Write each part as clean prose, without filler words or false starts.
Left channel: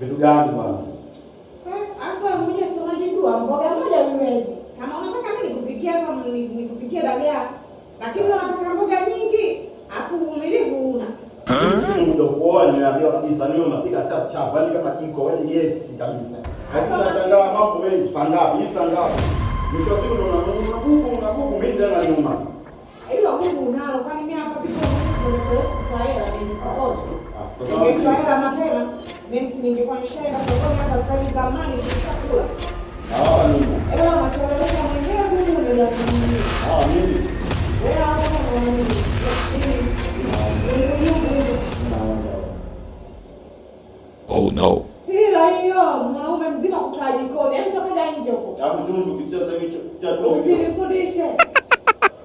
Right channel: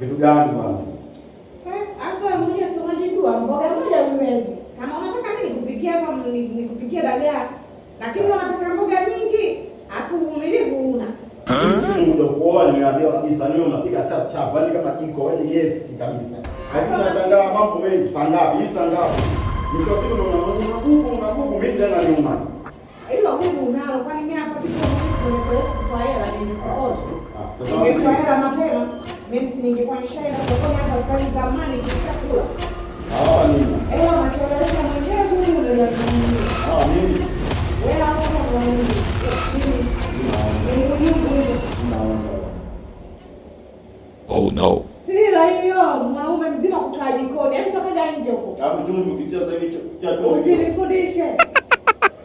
Vitu gani bwana? Asa mwenye sio unajua mboga moja uwezi. Kama unataka mimi nikupikie hapa nikupikie dagaa. Lakini unataka mboga nyingi, afu uvumilivu una. Ndio kuoa nimeambia kabisa leo unapika chap chap, yani kama jiko, wewe yes kabisa. Hakuna shangaa mambo mengi, sangapi, hii sangapi. Mwisho wa siku unakubu mimi tena nyuma. Hilo Mungu unalo kwani mimi hapa pika kwa hela mimi nikoje. Ningekuwa hela mapema, mimi ningekuwa nishaenda sokoni hapa kwa zamani nikakula. Nini? Unachelewesha mwenyewe huyu ndio yatumie. Nini? Wewe hapo nini? Oh no. Hila hiyo mwanaume mzima kukaa jikoni, hebu toka nje huko. Hapo tundu kicheza hicho cha toa. Usinifundishe.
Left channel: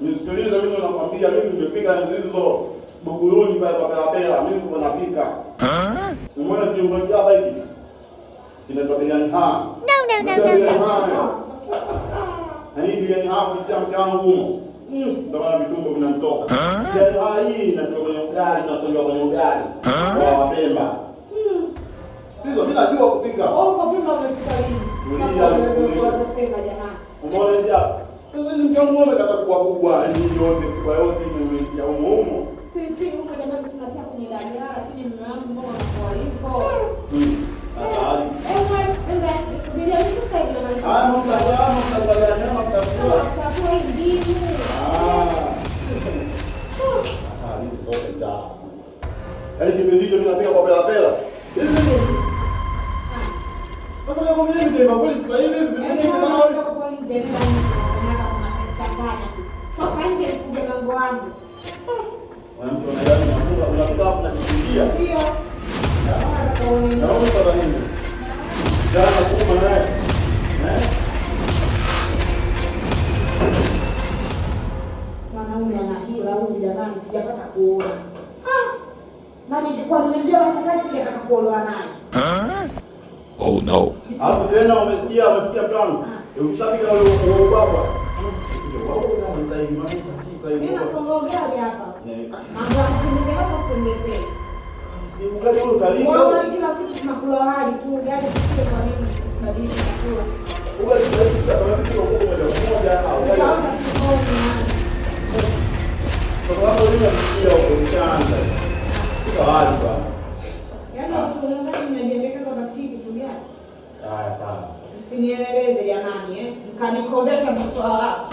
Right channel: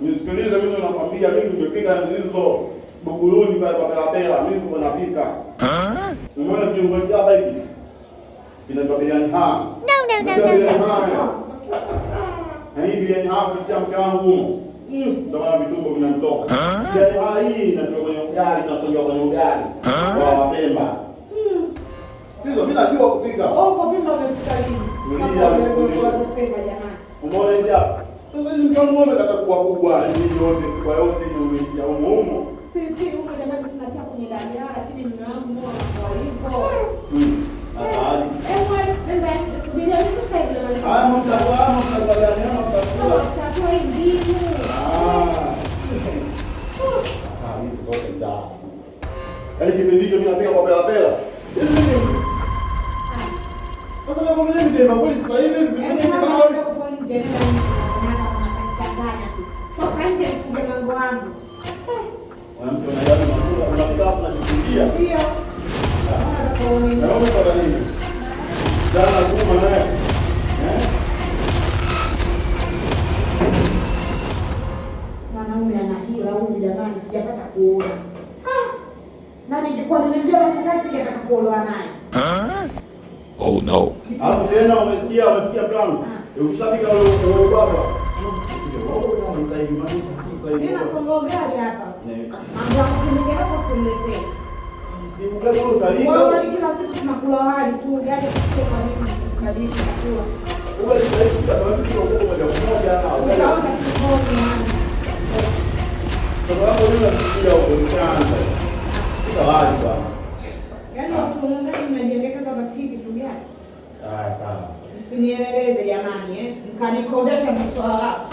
Nisikilize mimi nakwambia mimi nimepika ndizo buguluni pale kwa Kalabela, mimi niko napika. Umeona kiungo hapa hiki? Kinatoka biliani ha. No. Na hii biliani ha kitia mkangu. Ndio maana vitumbo vinamtoka. Biliani hii inatoka kwenye ugali na songa kwenye ugali. Kwa Pemba. Hizo mimi najua kupika. Kwa Pemba unapika nini? Tulia Pemba jamani. Umeona hivi hapa? Sasa ni mkiwa muone katakuwa kubwa, ni yote kwa yote ni ya umuhimu. Sisi huko jamani tunatia kwenye dagaa lakini mume wangu ndio kwa hivyo. Habari. Nenda bila kukaa ile mali. Mtaangalia nyama mtakula. Chakula hii hizi zote ndio. Yaani kipindi hicho mimi napika kwa pela. Sasa wewe mwenyewe ndio mambo sasa hivi vipi kama wewe kwa nje ndio unachanganya tu. Toka nje kuja mambo yangu. Mwanamke unapika hapo na kuingia. Ndio. Naomba kwa nini? Jana kuma naye. Mwanaume anahila huyu jamani, sijapata kuona. Na ningekuwa nimejua sasa sijataka kuolewa naye. Oh no. Hapo tena umesikia plan. Ukishapika ule baba. Mimi nasonga gari hapa. Mambo ya kupindika hapo kuniletee. Wewe kila kitu tunakula wali tu, gari sio kwa nini kabisa kula. Wewe sasa tunataka moja na sababu ndio ndio kuanza. Sasa hadi bwana. Yaani tunaangalia nimejengeka kama kitu gani? Haya sana. Usinieleze jamani mkanikodesha mtoa wako.